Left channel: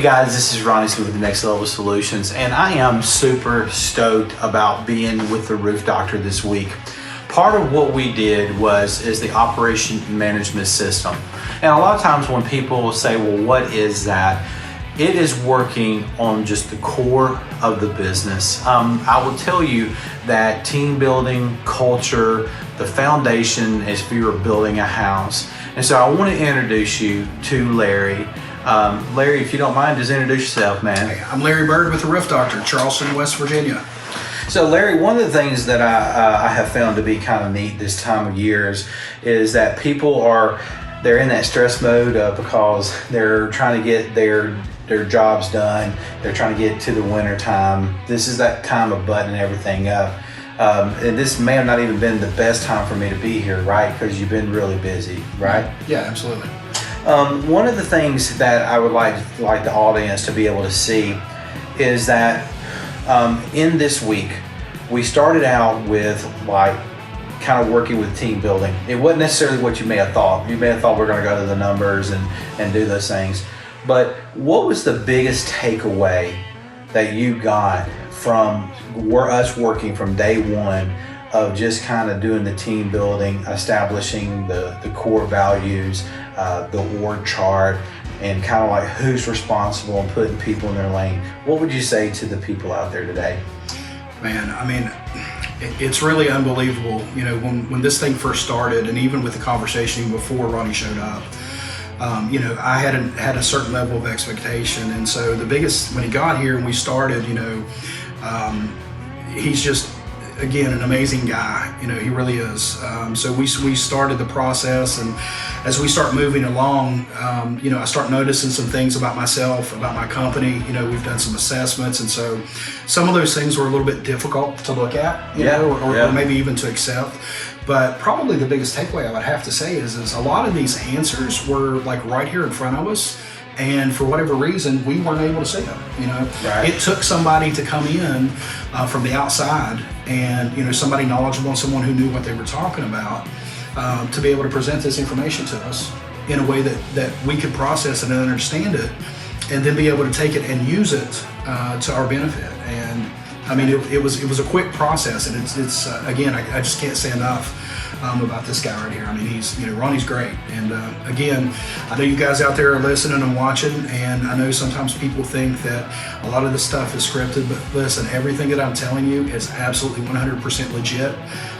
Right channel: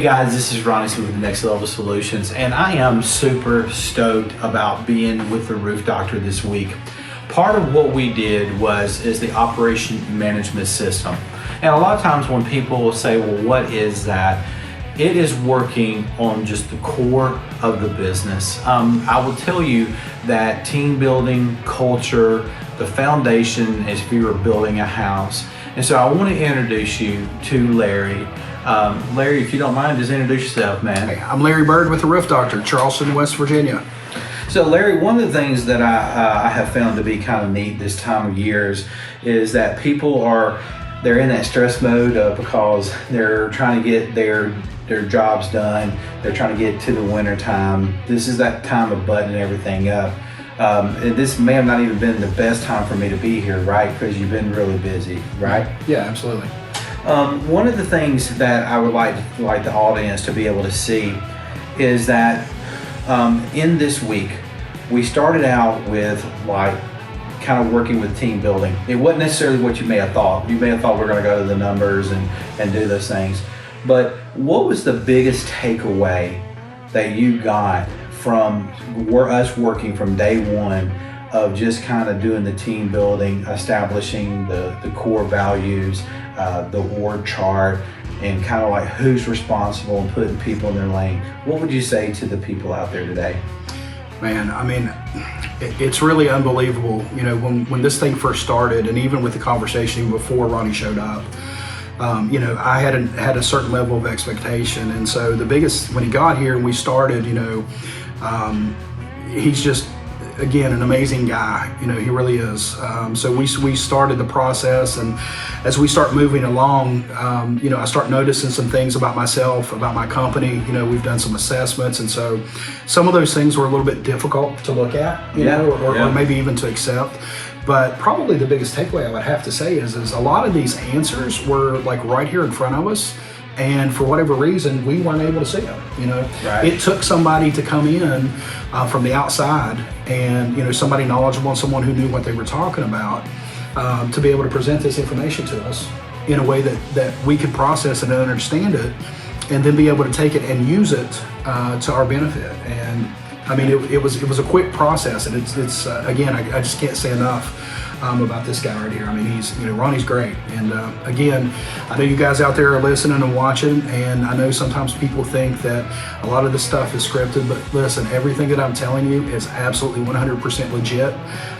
Hey guys, this is Ronnie Smith with Next Level Solutions, and I am super stoked about being with the Roof Doctor this week. Part of what we did is the operation management system. And a lot of times when people will say, well, what is that? It is working on just the core of the business. I will tell you that team building, culture, the foundation is if you were building a house. And so I want to introduce you to Larry. Larry, if you don't mind, just introduce yourself, man. Hey, I'm Larry Bird with the Roof Doctor, Charleston, West Virginia. So Larry, one of the things that I have found to be kind of neat this time of years is that people they're in that stress mode because they're trying to get their jobs done. They're trying to get to the winter time. This is that time of buttoning everything up. And this may have not even been the best time for me to be here, right? Because you've been really busy, right? Yeah, absolutely. One of the things that I would like the audience to be able to see is that in this week, we started out with kind of working with team building. It wasn't necessarily what you may have thought. You may have thought we're going to go to the numbers and do those things. But what was the biggest takeaway that you got from us working from day one of just kind of doing the team building, establishing the core values, the org chart, and kind of like who's responsible and putting people in their lane? What would you say to the people out there today? Man, I mean, it's really unbelievable. You know, when this thing first started, and even with the conversation before Ronnie showed up, you know, I had a certain level of expectation. And so when he got here and we started, you know, he's just, again, an amazing guy. You know, he really is. So we started the process, and as we start moving along, you know, I start noticing some things about myself, about my company. You know, we've done some assessments, and so some of those things were a little bit difficult to look at, you know, or maybe even to accept. But probably the biggest takeaway I would have to say is a lot of these answers were like right here in front of us. And for whatever reason, we weren't able to see them. You know, right. It took somebody to come in from the outside, and you know, somebody knowledgeable and someone who knew what they were talking about, to be able to present this information to us in a way that we could process it and understand it, and then be able to take it and use it to our benefit. And I mean, it was a quick process, and it's again, I just can't say enough about this guy right here. I mean, Ronnie's great. And again, I know you guys out there are listening and watching, and I know sometimes people think that a lot of this stuff is scripted, but listen, everything that I'm telling you is absolutely 100% legit.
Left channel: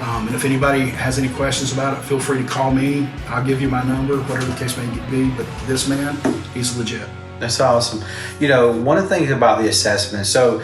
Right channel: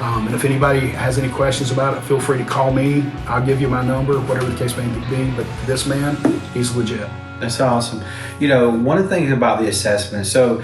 And if anybody has any questions about it, feel free to call me. I'll give you my number, whatever the case may be. But this man, he's legit. That's awesome. You know, one of the things about the assessment, so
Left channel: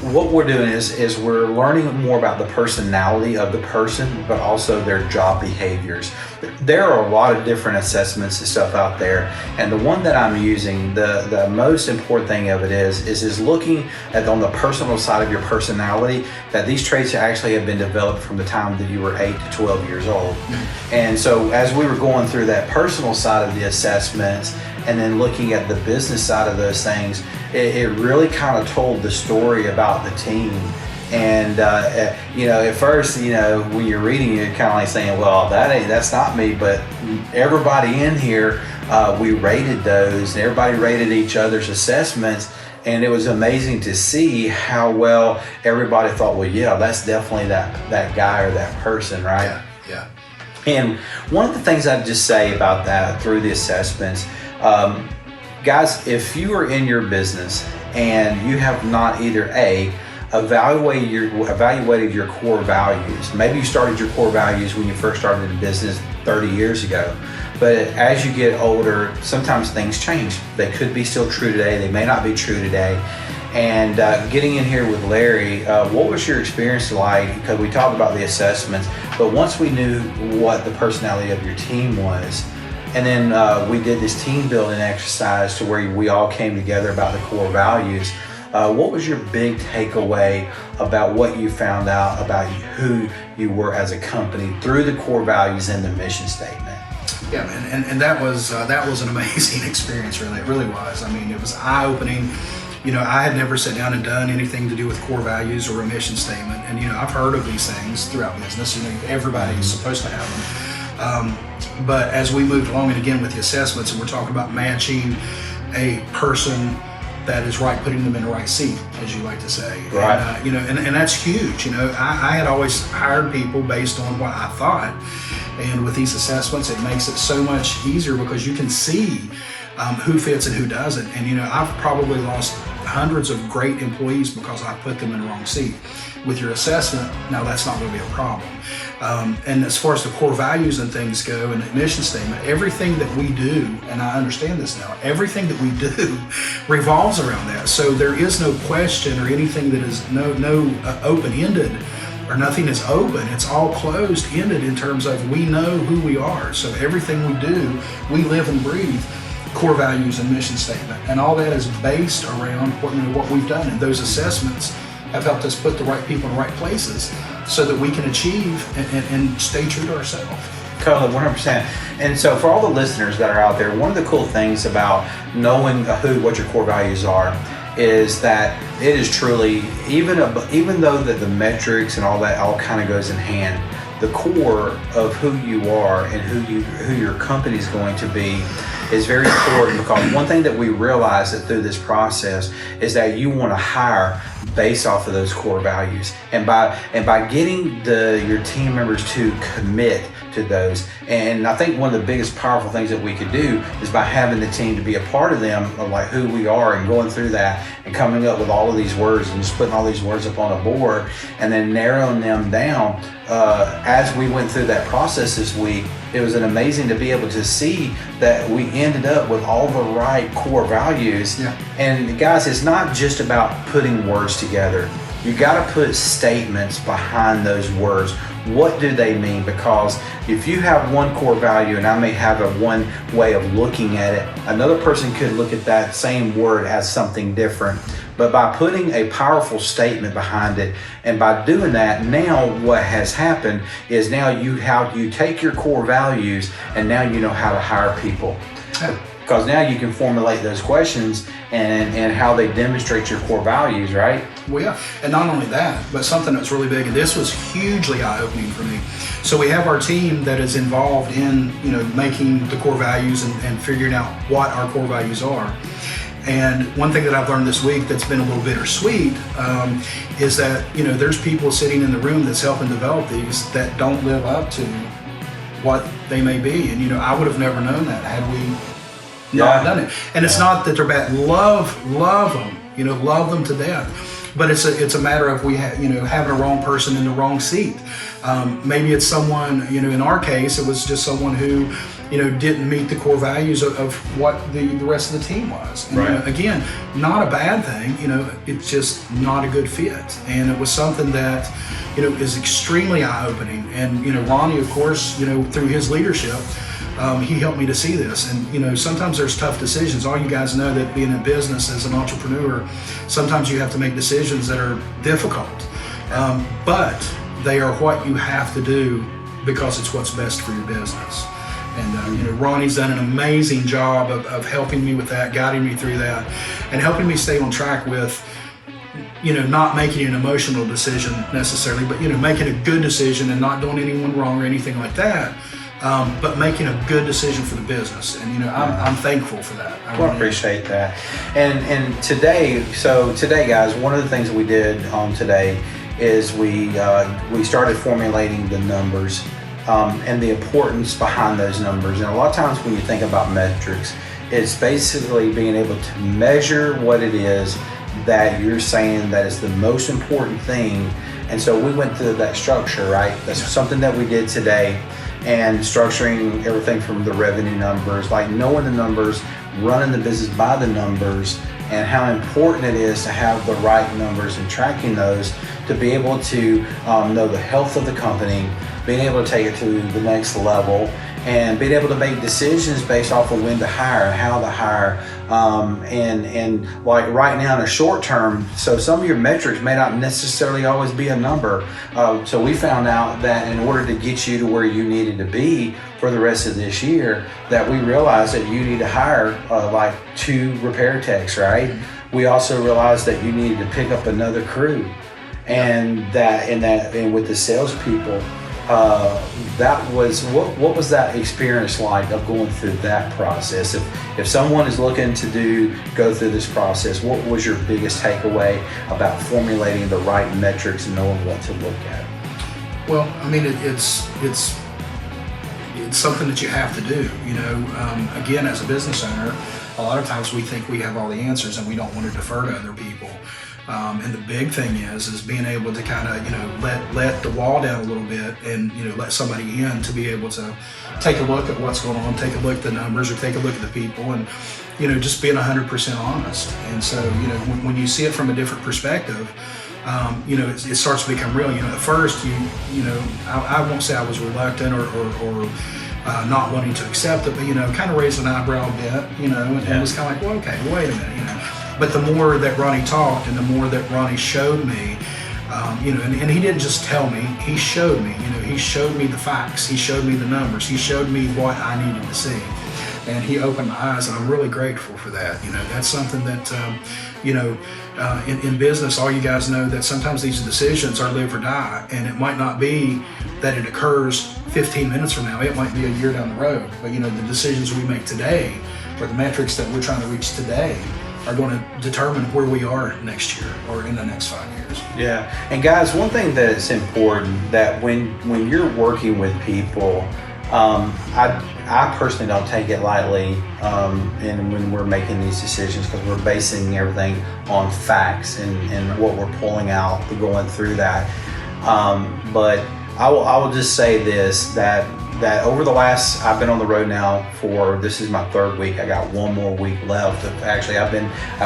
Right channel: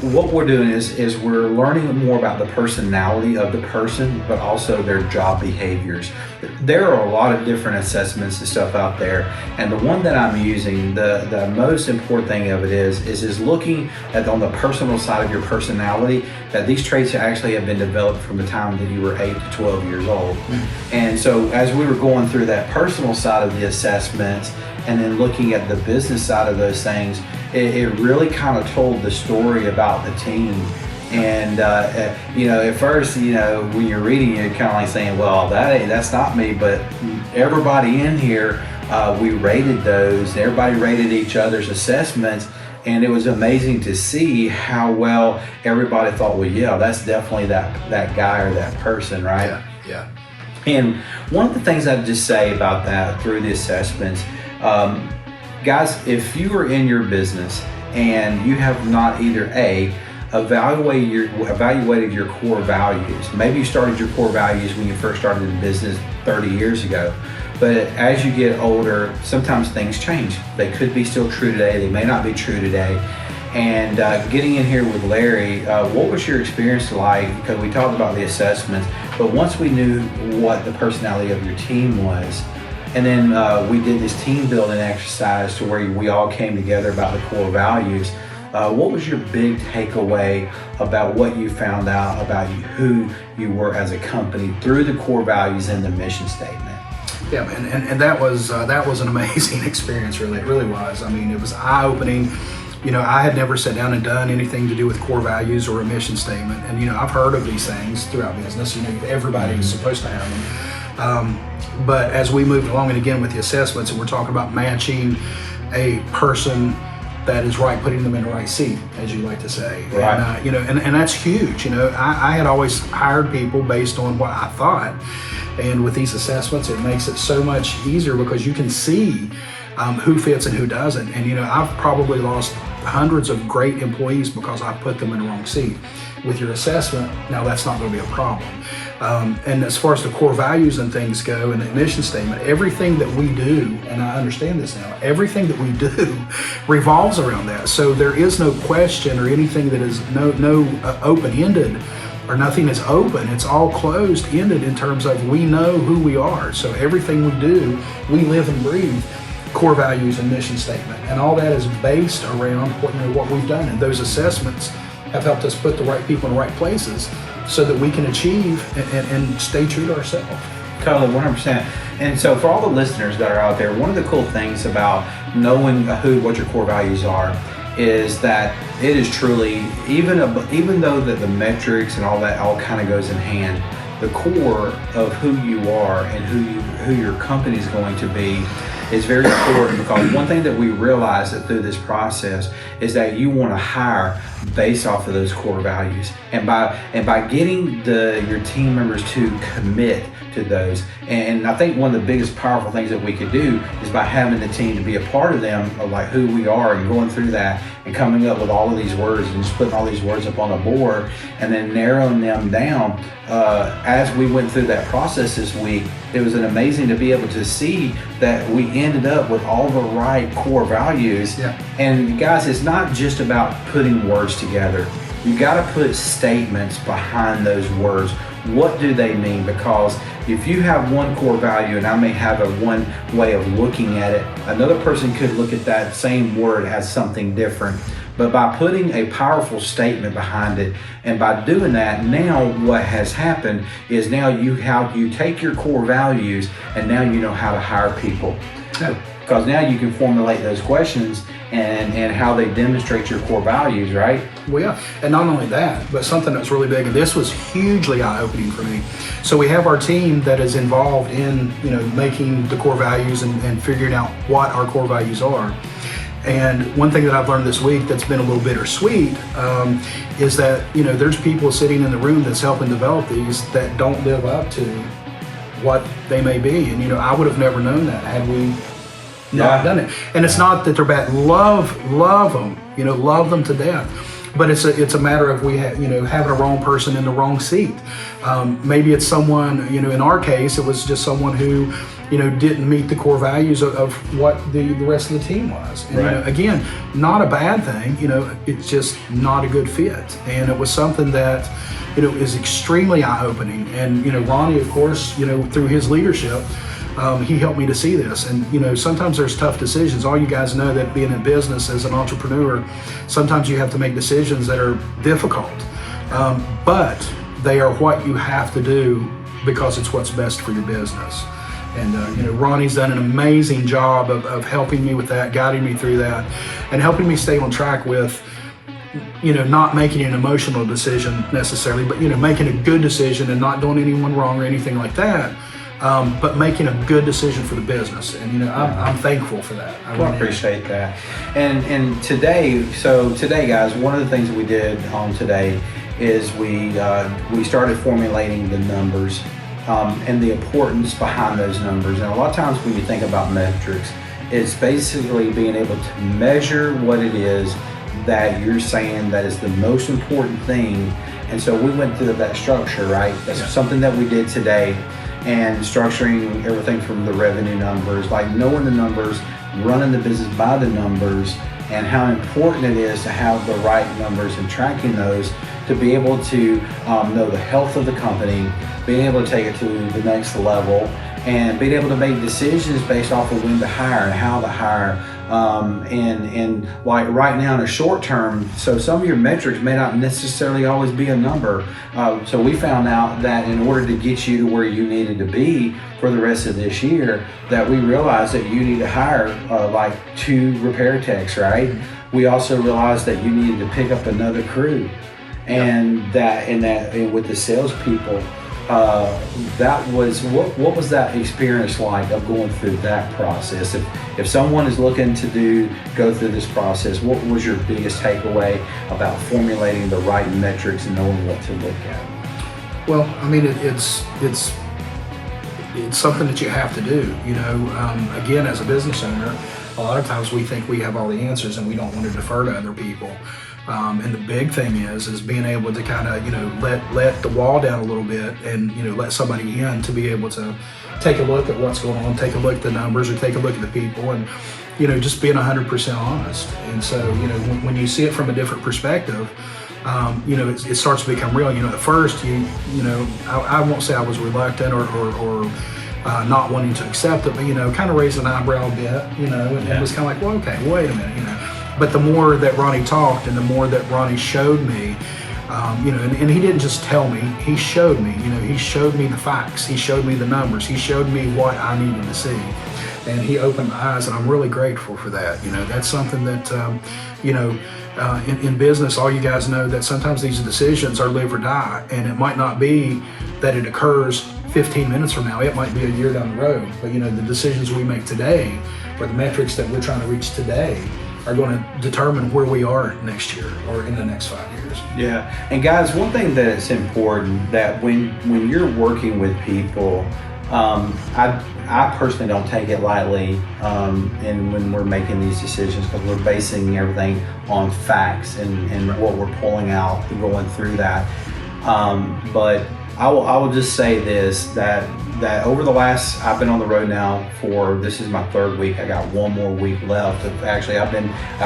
what we're doing is we're learning more about the personality of the person, but also their job behaviors. There are a lot of different assessments and stuff out there, and the one that I'm using, the most important thing of it is looking at on the personal side of your personality, that these traits actually have been developed from the time that you were 8 to 12 years old. Mm-hmm. And so as we were going through that personal side of the assessments, and then looking at the business side of those things, it really kind of told the story about the team. And you know, at first, you know, when you're reading, you're kind of like saying, well, that's not me. But everybody in here, we rated those, and everybody rated each other's assessments. And it was amazing to see how well everybody thought, well, yeah, that's definitely that guy or that person, right? Yeah. And one of the things I'd just say about that through the assessments, guys, if you are in your business and you have not either evaluated your core values, maybe you started your core values when you first started in business 30 years ago, but as you get older, sometimes things change. They could be still true today, they may not be true today. And getting in here with Larry, what was your experience like? Because we talked about the assessments, but once we knew what the personality of your team was, and then we did this team building exercise to where we all came together about the core values. What was your big takeaway about what you found out about who you were as a company through the core values and the mission statement? Yeah, man, and that was an amazing experience. Really, it really was. I mean, it was eye-opening. You know, I had never sat down and done anything to do with core values or a mission statement. And, you know, I've heard of these things throughout business. You know, everybody's supposed to have them. But as we moved along, and again with the assessments, and we're talking about matching a person that is right, putting them in the right seat, as you like to say. Right. And, and that's huge. I had always hired people based on what I thought. And with these assessments, it makes it so much easier because you can see who fits and who doesn't. And I've probably lost hundreds of great employees because I put them in the wrong seat. With your assessment, now that's not going to be a problem. And as far as the core values and things go, and the mission statement, everything that we do, and I understand this now, everything that we do revolves around that. So there is no question or anything that is no open-ended, or nothing is open. It's all closed-ended in terms of we know who we are. So everything we do, we live and breathe core values and mission statement, and all that is based around what we've done. And those assessments have helped us put the right people in the right places so that we can achieve and stay true to ourselves. Totally, 100%. And so for all the listeners that are out there, one of the cool things about knowing what your core values are is that it is truly, even though that the metrics and all that all kind of goes in hand, the core of who you are and who your company is going to be is very important, because one thing that we realize that through this process is that you want to hire based off of those core values, and by getting your team members to commit to those. And I think one of the biggest powerful things that we could do is by having the team to be a part of them, of like who we are, and going through that and coming up with all of these words and just putting all these words up on a board and then narrowing them down. As we went through that process this week, it was amazing to be able to see that we ended up with all the right core values. Yeah. And guys, it's not just about putting words together. You got to put statements behind those words. What do they mean? Because if you have one core value, and I may have one way of looking at it, another person could look at that same word as something different. But by putting a powerful statement behind it, and by doing that, now what has happened is now you take your core values, and now you know how to hire people. Because now you can formulate those questions and how they demonstrate your core values, right? Well, yeah, and not only that, but something that's really big, and this was hugely eye-opening for me. So we have our team that is involved in making the core values and figuring out what our core values are. And one thing that I've learned this week that's been a little bittersweet is that there's people sitting in the room that's helping develop these that don't live up to what they may be. And I would have never known that had we not done it. And it's not that they're bad. Love them. Love them to death. But it's a matter of having a wrong person in the wrong seat. Maybe it's someone, in our case, it was just someone who, didn't meet the core values of what the rest of the team was. And, right. Again, not a bad thing. It's just not a good fit. And it was something that, is extremely eye-opening. And, Ronnie, of course, through his leadership, he helped me to see this. And sometimes there's tough decisions. All you guys know that being in business as an entrepreneur, sometimes you have to make decisions that are difficult, but they are what you have to do because it's what's best for your business. And Ronnie's done an amazing job of helping me with that, guiding me through that, and helping me stay on track with not making an emotional decision necessarily, but making a good decision and not doing anyone wrong or anything like that. But making a good decision for the business, and I'm thankful for that. I really appreciate that. And today, guys, one of the things that we did on today is we started formulating the numbers and the importance behind those numbers. And a lot of times when you think about metrics, it's basically being able to measure what it is that you're saying that is the most important thing. And so we went through that structure, right? That's something that we did today. And structuring everything from the revenue numbers, like knowing the numbers, running the business by the numbers, and how important it is to have the right numbers and tracking those to be able to know the health of the company, being able to take it to the next level, and being able to make decisions based off of when to hire and how to hire. And like right now in the short term, so some of your metrics may not necessarily always be a number. So we found out that in order to get you to where you needed to be for the rest of this year, that we realized that you need to hire like 2 repair techs, right? We also realized that you needed to pick up another crew, and that with the salespeople, that was what was that experience like of going through that process? If someone is looking to go through this process, what was your biggest takeaway about formulating the right metrics and knowing what to look at? Well, I mean, it's something that you have to do. Again, as a business owner, a lot of times we think we have all the answers and we don't want to defer to other people. And the big thing is being able to kind of, let the wall down a little bit and, let somebody in to be able to take a look at what's going on, take a look at the numbers or take a look at the people and, just being 100% honest. And so, when you see it from a different perspective, it starts to become real. At first, I won't say I was reluctant or not wanting to accept it, but, kind of raised an eyebrow a bit, and was kind of like, well, okay, wait a minute, But the more that Ronnie talked and the more that Ronnie showed me, and he didn't just tell me, he showed me, he showed me the facts, he showed me the numbers, he showed me what I needed to see. And he opened my eyes, and I'm really grateful for that. That's something that, in business, all you guys know that sometimes these decisions are live or die, and it might not be that it occurs 15 minutes from now, it might be a year down the road. But, the decisions we make today, or the metrics that we're trying to reach today, are going to determine where we are next year or in the next 5 years. Yeah, and guys, one thing that's important that when you're working with people, I personally don't take it lightly, and when we're making these decisions, because we're basing everything on facts and what we're pulling out, going through that. But I will just say this, that over the last, I've been on the road now this is my 3rd week. I got one more week left. Actually, I've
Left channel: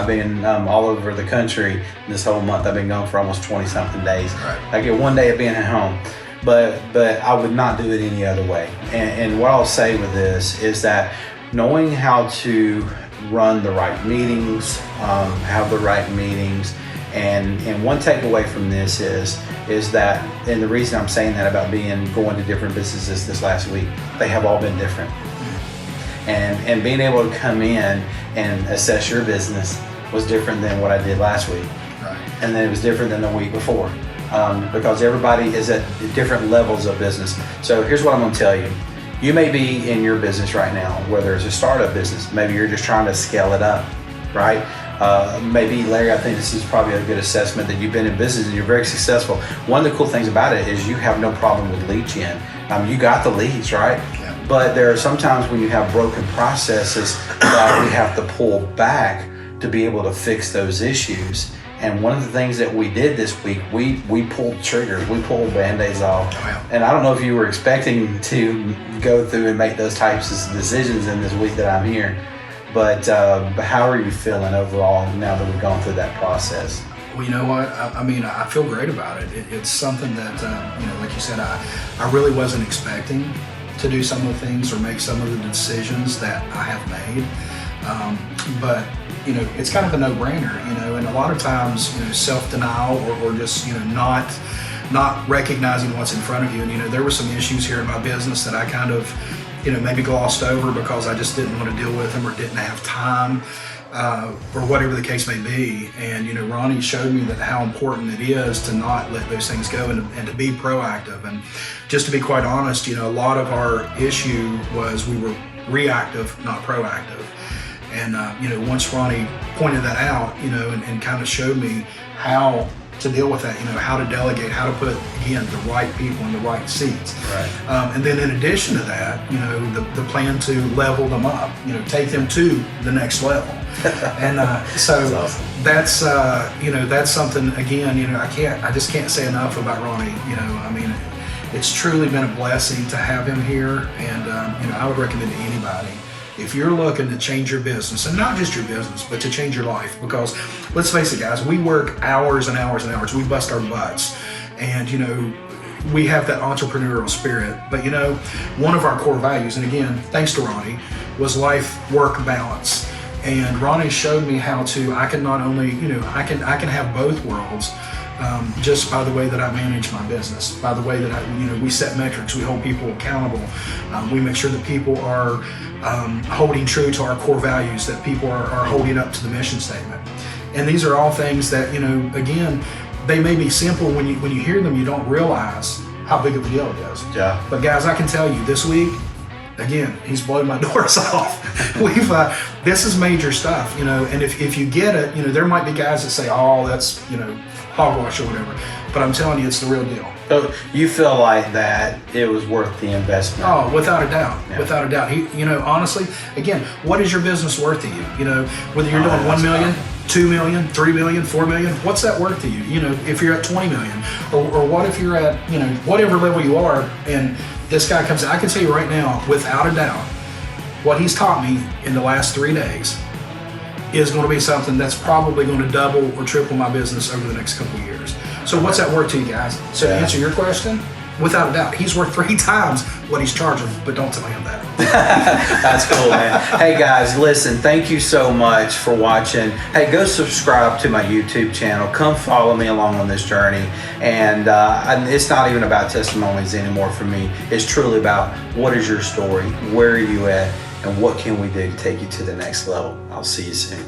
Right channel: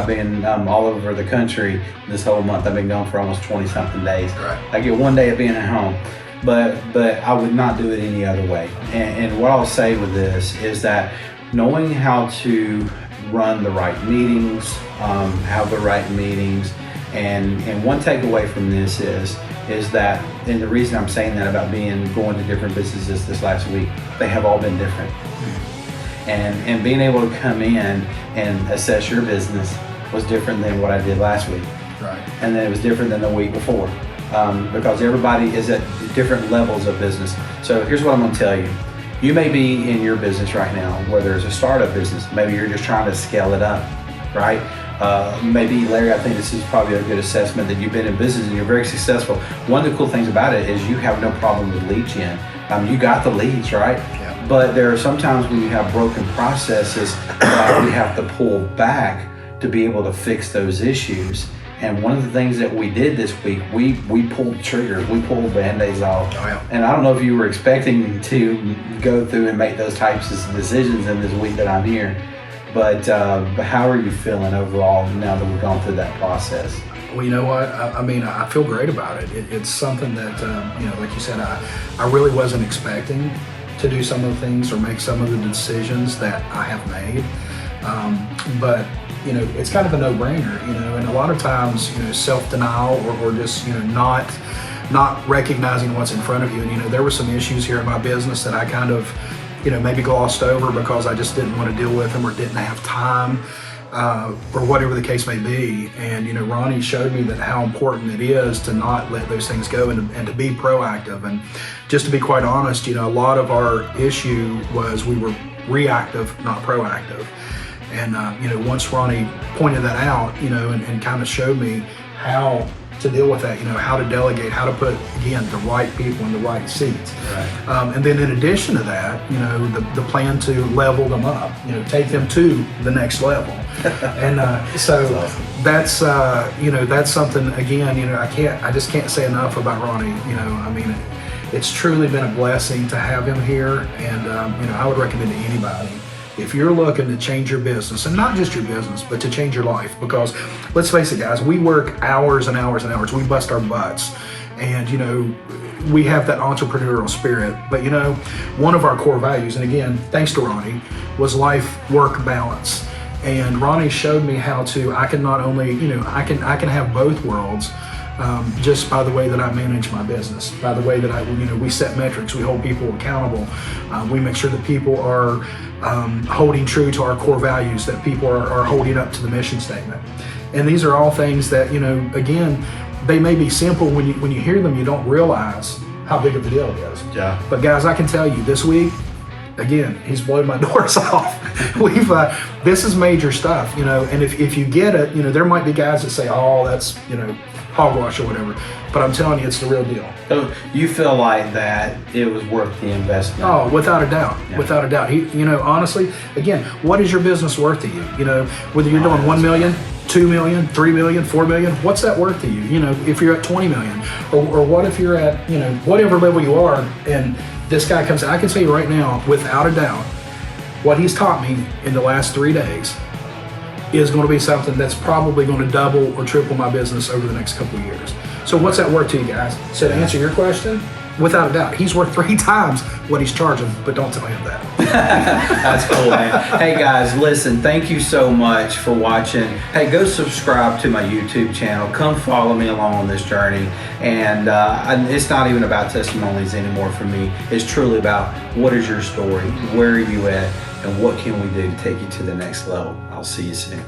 been all over the country this whole month. I've been gone for almost 20 something days. Right. I get one day of being at home, but I would not do it any other way. And what I'll say with this is that knowing how to run the right meetings, have the right meetings, and one takeaway from this is that, and the reason I'm saying that about going to different businesses this last week, they have all been different. And being able to come in and assess your business was different than what I did last week. Right. And then it was different than the week before, because everybody is at different levels of business. So here's what I'm going to tell you. You may be in your business right now, whether it's a startup business, maybe you're just trying to scale it up, right? Maybe, Larry, I think this is probably a good assessment that you've been in business and you're very successful. One of the cool things about it is you have no problem with lead gen. You got the leads, right? Yeah. But there are some times when you have broken processes that we have to pull back to be able to fix those issues. And one of the things that we did this week, we pulled triggers, we pulled Band-Aids off. Oh, yeah. And I don't know if you were expecting to go through and make those types of decisions in this week that I'm here. But how are you feeling overall now that we've gone through that process? Well, you know what? I feel great about it. It's something that, like you said, I really wasn't expecting to do some of the things or make some of the decisions that I have made. But, it's kind of a no-brainer, and a lot of times, self-denial or just, not recognizing what's in front of you. And, there were some issues here in my business that I kind of, maybe glossed over because I just didn't want to deal with them or didn't have time, or whatever the case may be. And, Ronnie showed me that how important it is to not let those things go and to be proactive. And just to be quite honest, a lot of our issue was we were reactive, not proactive. And, once Ronnie pointed that out, and kind of showed me how to deal with that, how to delegate, how to put, again, the right people in the right seats. Right. And then in addition to that, the plan to level them up, take them to the next level. And so that's, that's something, again, I just can't say enough about Ronnie. It's truly been a blessing to have him here. And, I would recommend to anybody, if you're looking to change your business, and not just your business, but to change your life, because let's face it, guys, we work hours and hours and hours. We bust our butts, and we have that entrepreneurial spirit. But one of our core values, and again, thanks to Ronnie, was life-work balance. And Ronnie showed me how I can not only, I can have both worlds. Just by the way that I manage my business, by the way that we set metrics, we hold people accountable, we make sure that people are holding true to our core values, that people are holding up to the mission statement. And these are all things that, again, they may be simple when you hear them, you don't realize how big of a deal it is. Yeah. But guys, I can tell you this week, again, he's blowing my doors off. This is major stuff, you know, and if you get it, you know, there might be guys that say, oh, that's, you know, hogwash or whatever, but I'm telling you, it's the real deal. So you feel like that it was worth the investment? Oh, without a doubt, Yeah. without a doubt. You know, honestly, again, what is your business worth to you? You know, whether you're doing 1 million, 2 million, 3 million, 4 million, what's that worth to you? You know, if you're at 20 million, or what if you're at, you know, whatever level you are, and this guy comes in, I can tell you right now, without a doubt, what he's taught me in the last 3 days is going to be something that's probably going to double or triple my business over the next couple of years. So what's that worth to you guys? So to answer your question, without a doubt, he's worth 3 times what he's charging, but don't tell him that. That's cool, man. Hey guys, listen, thank you so much for watching. Hey, go subscribe to my YouTube channel. Come follow me along on this journey. And it's not even about testimonies anymore for me. It's truly about what is your story, where are you at, and what can we do to take you to the next level. I'll see you soon.